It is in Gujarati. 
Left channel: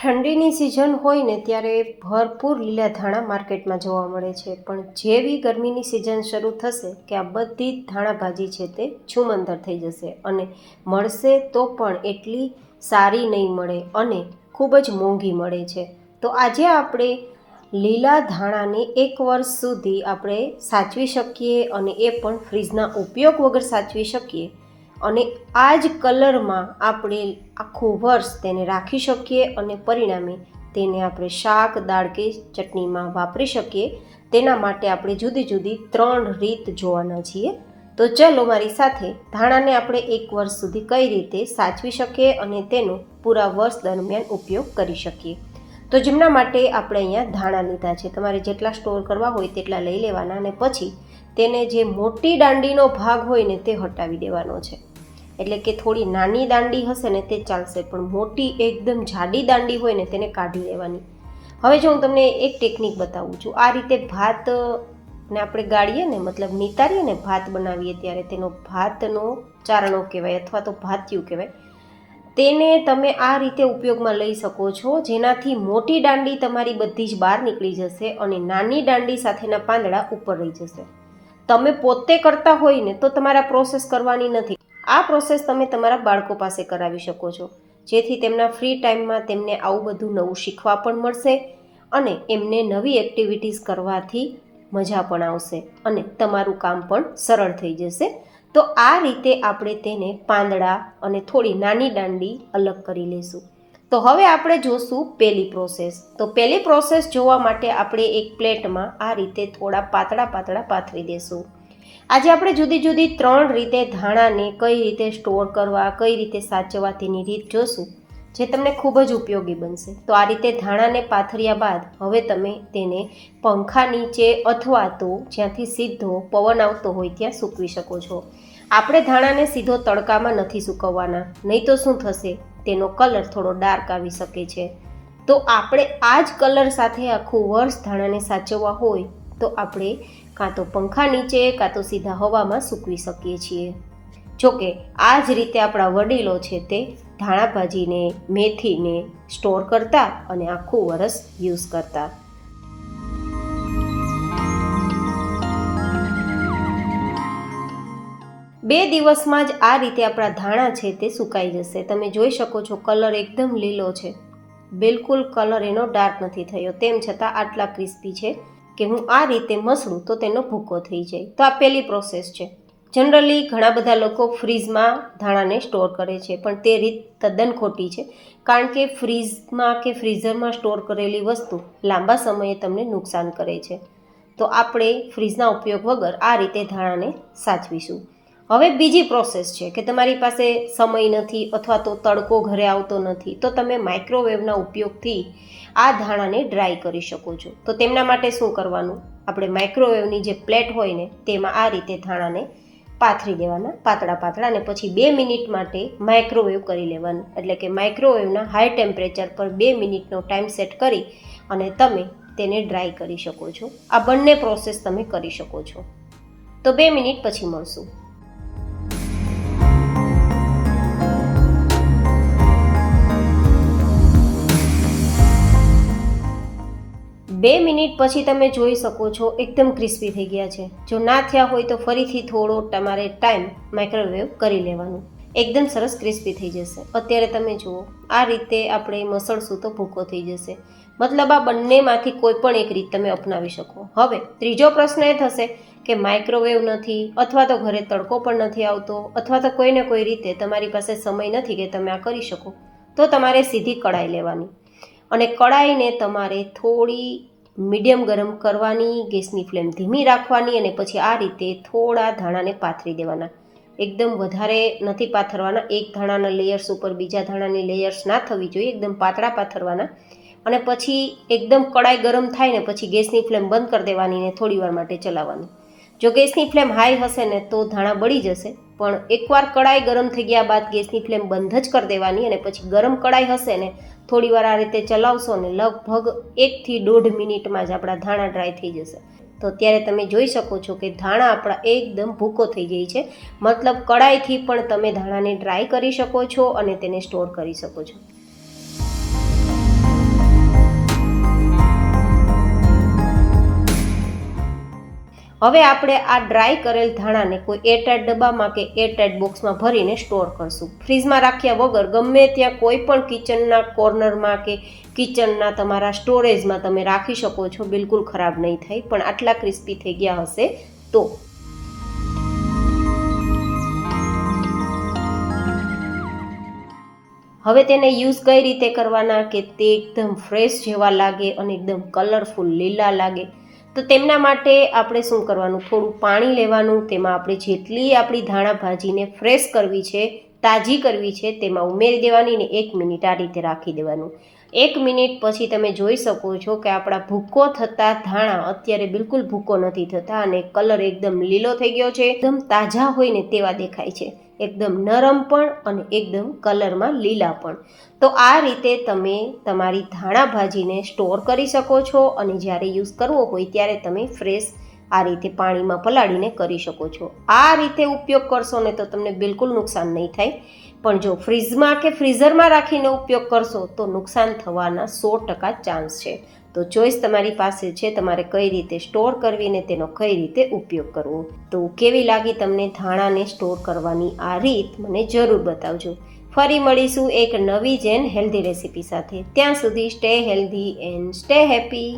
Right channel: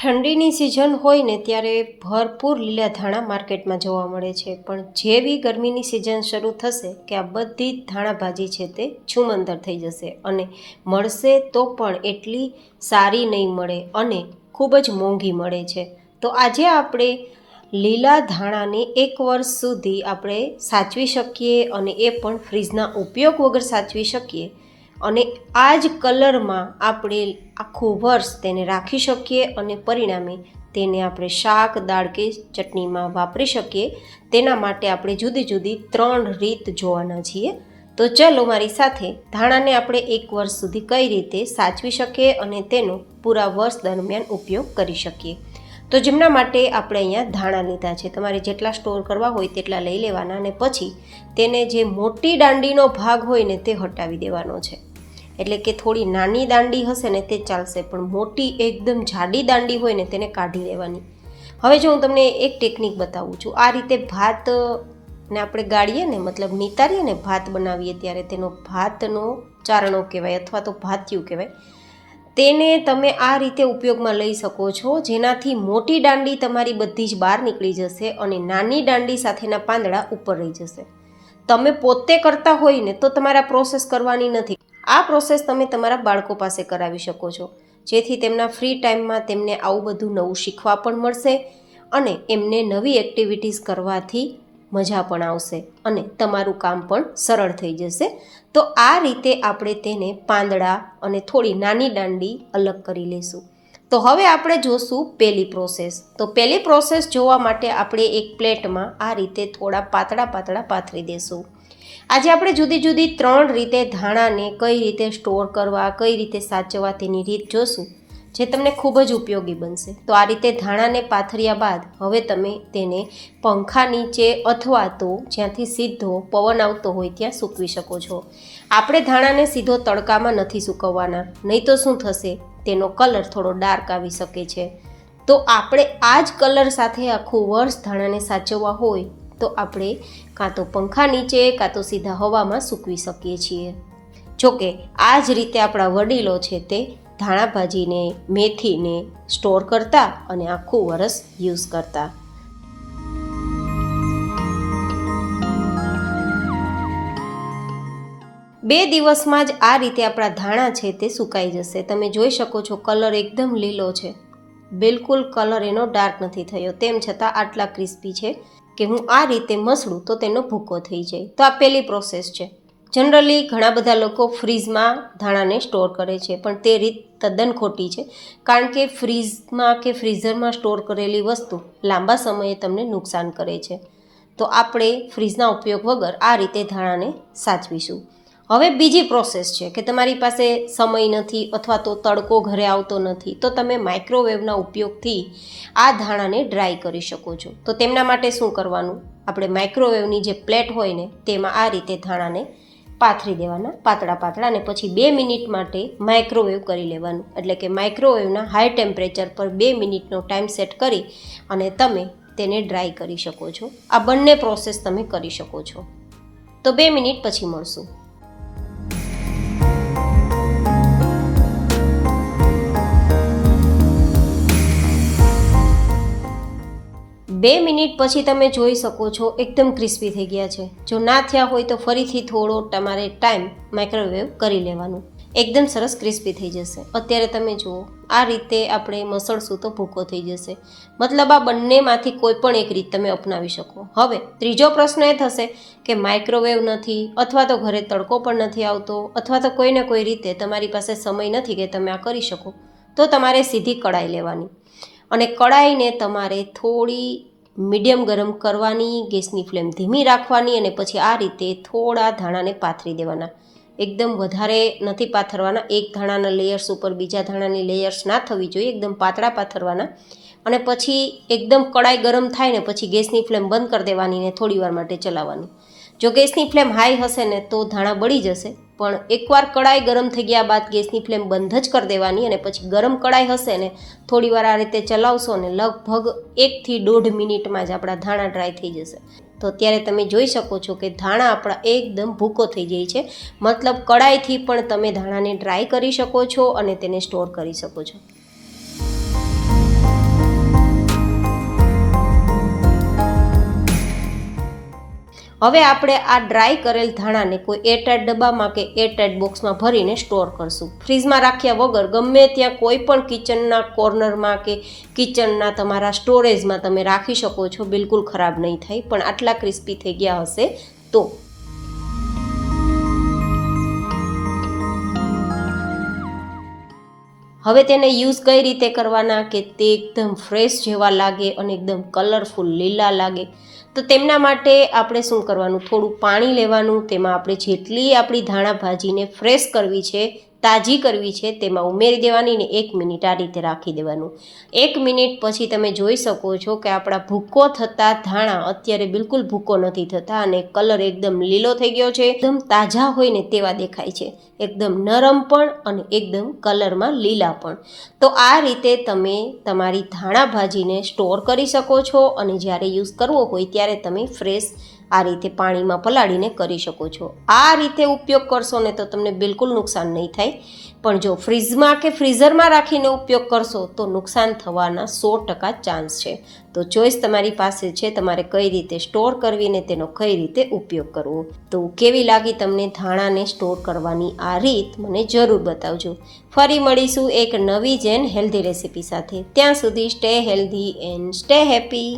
ઠંડીની સિઝન હોય ને ત્યારે ભરપૂર લીલા ધાણા માર્કેટમાં જોવા મળે છે, પણ જેવી ગરમીની સિઝન શરૂ થશે કે આ બધી જ ધાણા ભાજી છે તે છુમંતર થઈ જશે અને મળશે તો પણ એટલી સારી નહીં મળે અને ખૂબ જ મોંઘી મળે છે. તો આજે આપણે લીલા ધાણાને 1 વર્ષ સુધી આપણે સાચવી શકીએ અને એ પણ ફ્રીજના ઉપયોગ વગર સાચવી શકીએ અને આ જ કલરમાં આપણે આખું વર્ષ તેને રાખી શકીએ અને પરિણામે તેને આપણે શાક, દાળ કે ચટણીમાં વાપરી શકીએ. તેના માટે આપણે જુદી જુદી 3 રીત જોવાના છીએ. તો ચલો મારી સાથે ધાણાને આપણે 1 વર્ષ સુધી કઈ રીતે સાચવી શકીએ અને તેનો પૂરા વર્ષ દરમિયાન ઉપયોગ કરી શકીએ. તો જેમના માટે આપણે અહીંયા ધાણા લીધા છે. તમારે જેટલા સ્ટોર કરવા હોય તેટલા લઈ લેવાના અને પછી તેને જે મોટી દાંડીનો ભાગ હોય ને તે હટાવી દેવાનો છે. એટલે કે થોડી નાની દાંડી હશે ને તે ચાલશે, પણ મોટી એકદમ જાડી દાંડી હોય ને તેને કાઢી લેવાની. હવે જો હું તમને એક ટેકનિક બતાવું છું. આ રીતે ભાતને આપણે ગાળીએ ને, મતલબ નિતારીએ ને, ભાત બનાવીએ ત્યારે તેનો ભાતનો ચારણો કહેવાય અથવા તો ભાતિયું કહેવાય. તેને તમે આ રીતે ઉપયોગમાં લઈ શકો છો, જેનાથી મોટી દાંડી તમારી બધી જ બહાર નીકળી જશે અને નાની દાંડી સાથેના પાંદડા ઉપર રહી જશે. તમે પોતે કરતા હોય ને તો તમારે પ્રોસેસ કરવાની નથી. આ પ્રોસેસ તમે તમારા બાળકો પાસે કરાવી શકો છો, જેથી તેમના ફ્રી ટાઈમમાં તેમને આવું બધું નવું શીખવા પણ મળશે અને એમને નવી એક્ટિવિટીઝ કરવાથી મજા પણ આવશે અને તમારું કામ પણ સરળ થઈ જશે. તો આ રીતે આપણે તેને પાંદડા અને થોડી નાની દાંડી અલગ કરી લઈશું. તો હવે આપણે જોશું પહેલી પ્રોસેસ. તો પહેલી પ્રોસેસ જોવા માટે આપણે એક પ્લેટમાં આ રીતે થોડા પાતળા પાતળા પાથરી દઈશું. આજે આપણે જુદી જુદી 3 રીતે ધાણાને કઈ રીતે સ્ટોર કરવા, કઈ રીતે સાચવવા તેની રીત જોશું, જે તમને ખૂબ જ ઉપયોગી બનશે. તો આ રીતે ધાણાને પાથર્યા બાદ હવે તમે તેને પંખા નીચે અથવા તો જ્યાંથી સીધો પવન આવતો હોય ત્યાં સૂકવી શકો છો. આપણે ધાણાને સીધો તડકામાં નથી સૂકવવાના, નહીં તો શું થશે, તેનો કલર થોડો ડાર્ક આવી શકે છે. તો આપણે આ જ કલર સાથે આખું વર્ષ ધાણાને સાચવવા હોય તો આપણે કાં તો પંખા નીચે કાં તો સીધા હવામાં સૂકવી શકીએ છીએ. જોકે આ જ રીતે આપણા વડીલો છે તે ધાણા ભાજીને, મેથીને સ્ટોર કરતા અને આખું વરસ યુઝ કરતા. બે દિવસમાં જ આ રીતે આપણા ધાણા છે તે સુકાઈ જશે. તમે જોઈ શકો છો કલર એકદમ લીલો છે, બિલકુલ કલર એનો ડાર્ક નથી થયો, તેમ છતાં આટલા ક્રિસ્પી છે કે હું આ રીતે મસળું તો તેનો ભૂકો થઈ જાય. તો આ પહેલી પ્રોસેસ છે. જનરલી ઘણા બધા લોકો ફ્રીઝમાં ધાણાને સ્ટોર કરે છે, પણ તે રીત તદ્દન ખોટી છે, કારણ કે ફ્રીઝમાં કે ફ્રીઝરમાં સ્ટોર કરેલી વસ્તુ લાંબા સમયે તમને નુકસાન કરે છે. તો આપણે ફ્રીઝના ઉપયોગ વગર આ રીતે ધાણાને સાચવીશું. હવે બીજી પ્રોસેસ છે કે તમારી પાસે સમય નથી અથવા તો તડકો ઘરે આવતો નથી, તો તમે માઇક્રોવેવના ઉપયોગથી આ ધાણાને ડ્રાય કરી શકો છો. તો તેમના માટે શું કરવાનું, આપણે માઇક્રોવેવની જે પ્લેટ હોય ને તેમાં આ રીતે ધાણાને પાથરી દેવાના પાતળા પાતળા અને પછી 2 મિનિટ માટે માઇક્રોવેવ કરી લેવાનું. એટલે કે માઇક્રોવેવના હાઈ ટેમ્પરેચર પર 2 મિનિટનો ટાઈમ સેટ કરી અને તમે તેને ડ્રાય કરી શકો છો. આ બંને પ્રોસેસ તમે કરી શકો છો. તો 2 મિનિટ પછી મળશું. 2 મિનિટ પછી તમે જોઈ શકો છો એકદમ ક્રિસ્પી થઈ ગયા છે. જો ના થયા હોય તો ફરીથી થોડો તમારે ટાઈમ માઇક્રોવેવ કરી લેવાનું, એકદમ સરસ ક્રિસ્પી થઈ જશે. અત્યારે તમે જુઓ આ રીતે આપણે મસળશું તો ભૂકો થઈ જશે. મતલબ આ બંનેમાંથી કોઈ પણ એક રીત તમે અપનાવી શકો. હવે ત્રીજો પ્રશ્ન એ થશે કે માઇક્રોવેવ નથી અથવા તો ઘરે તડકો પણ નથી આવતો અથવા તો કોઈને કોઈ રીતે તમારી પાસે સમય નથી કે તમે આ કરી શકો, તો તમારે સીધી કડાઈ લેવાની અને કડાઈને તમારે થોડી મીડિયમ ગરમ કરવાની, ગેસની ફ્લેમ ધીમી રાખવાની અને પછી આ રીતે થોડા ધાણાને પાથરી દેવાના. એકદમ વધારે નથી પાથરવાના, એક ધાણાના લેયર્સ ઉપર બીજા ધાણાની લેયર્સ ના થવી જોઈએ, એકદમ પાતળા પાથરવાના. અને પછી એકદમ કડાઈ ગરમ થાય ને પછી ગેસની ફ્લેમ બંધ કરી દેવાની ને થોડી વાર માટે ચલાવવાની. જો ગેસની ફ્લેમ હાઈ હશે ને તો ધાણા બળી જશે, પણ એકવાર કડાઈ ગરમ થઈ ગયા બાદ ગેસની ફ્લેમ બંધ જ કરી દેવાની અને પછી ગરમ કડાઈ હશે ને થોડી વાર આ રીતે ચલાવશો ને લગભગ 1 થી 1.5 મિનિટમાં જ આપણા ધાણા ડ્રાય થઈ જશે. તો અત્યારે તમે જોઈ શકો છો કે ધાણા આપણા એકદમ ભૂકો થઈ જાય છે. મતલબ કડાઈથી પણ તમે ધાણાને ડ્રાય કરી શકો છો અને તેને સ્ટોર કરી શકો છો. હવે આપણે આ ડ્રાય કરેલ ધાણાને કોઈ એરટાઇટ ડબ્બામાં કે એરટાઇટ બોક્સમાં ભરીને સ્ટોર કરશું. ફ્રીજમાં રાખ્યા વગર ગમે ત્યાં કોઈ પણ કિચનના કોર્નરમાં કે કિચનના તમારા સ્ટોરેજમાં તમે રાખી શકો છો. બિલકુલ ખરાબ નહીં થાય. પણ આટલા ક્રિસ્પી થઈ ગયા હશે તો હવે તેને યુઝ કઈ રીતે કરવાના કે તે એકદમ ફ્રેશ જેવા લાગે અને એકદમ કલરફુલ લીલા લાગે. તો તેમના માટે આપણે શું કરવાનું, થોડું પાણી લેવાનું, તેમાં આપણે જેટલી આપણી ધાણા ભાજીને ફ્રેશ કરવી છે, તાજી કરવી છે, તેમાં ઉમેરી દેવાની ને 1 મિનિટ આ રીતે રાખી દેવાનું. 1 મિનિટ પછી તમે જોઈ શકો છો કે આપણા ભૂકો થતા ધાણા અત્યારે બિલકુલ ભૂકો નથી થતા અને કલર એકદમ લીલો થઈ ગયો છે. એકદમ તાજા હોય ને તેવા દેખાય છે, એકદમ નરમ પણ અને એકદમ કલરમાં લીલા પણ. તો આ રીતે તમે તમારી ધાણા ભાજીને સ્ટોર કરી શકો છો અને જ્યારે યુઝ કરવો હોય ત્યારે તમે ફ્રેશ આ રીતે પાણીમાં પલાળીને કરી શકો છો. આ રીતે ઉપયોગ કરશો ને તો તમને બિલકુલ નુકસાન નહીં થાય. પણ જો ફ્રીજમાં કે ફ્રીઝરમાં રાખીને ઉપયોગ કરશો તો નુકસાન થવાના 100% ચાન્સ છે. તો ચોઈસ તમારી પાસે છે, તમારે કઈ રીતે સ્ટોર કરવીને તેનો કઈ રીતે ઉપયોગ કરવો. તો કેવી લાગી તમને ધાણાને સ્ટોર કરવાની આ રીત, મને જરૂર બતાવજો. ફરી મળીશું એક નવી જ એન્ડ હેલ્ધી રેસીપી સાથે. ત્યાં સુધી stay healthy and stay happy.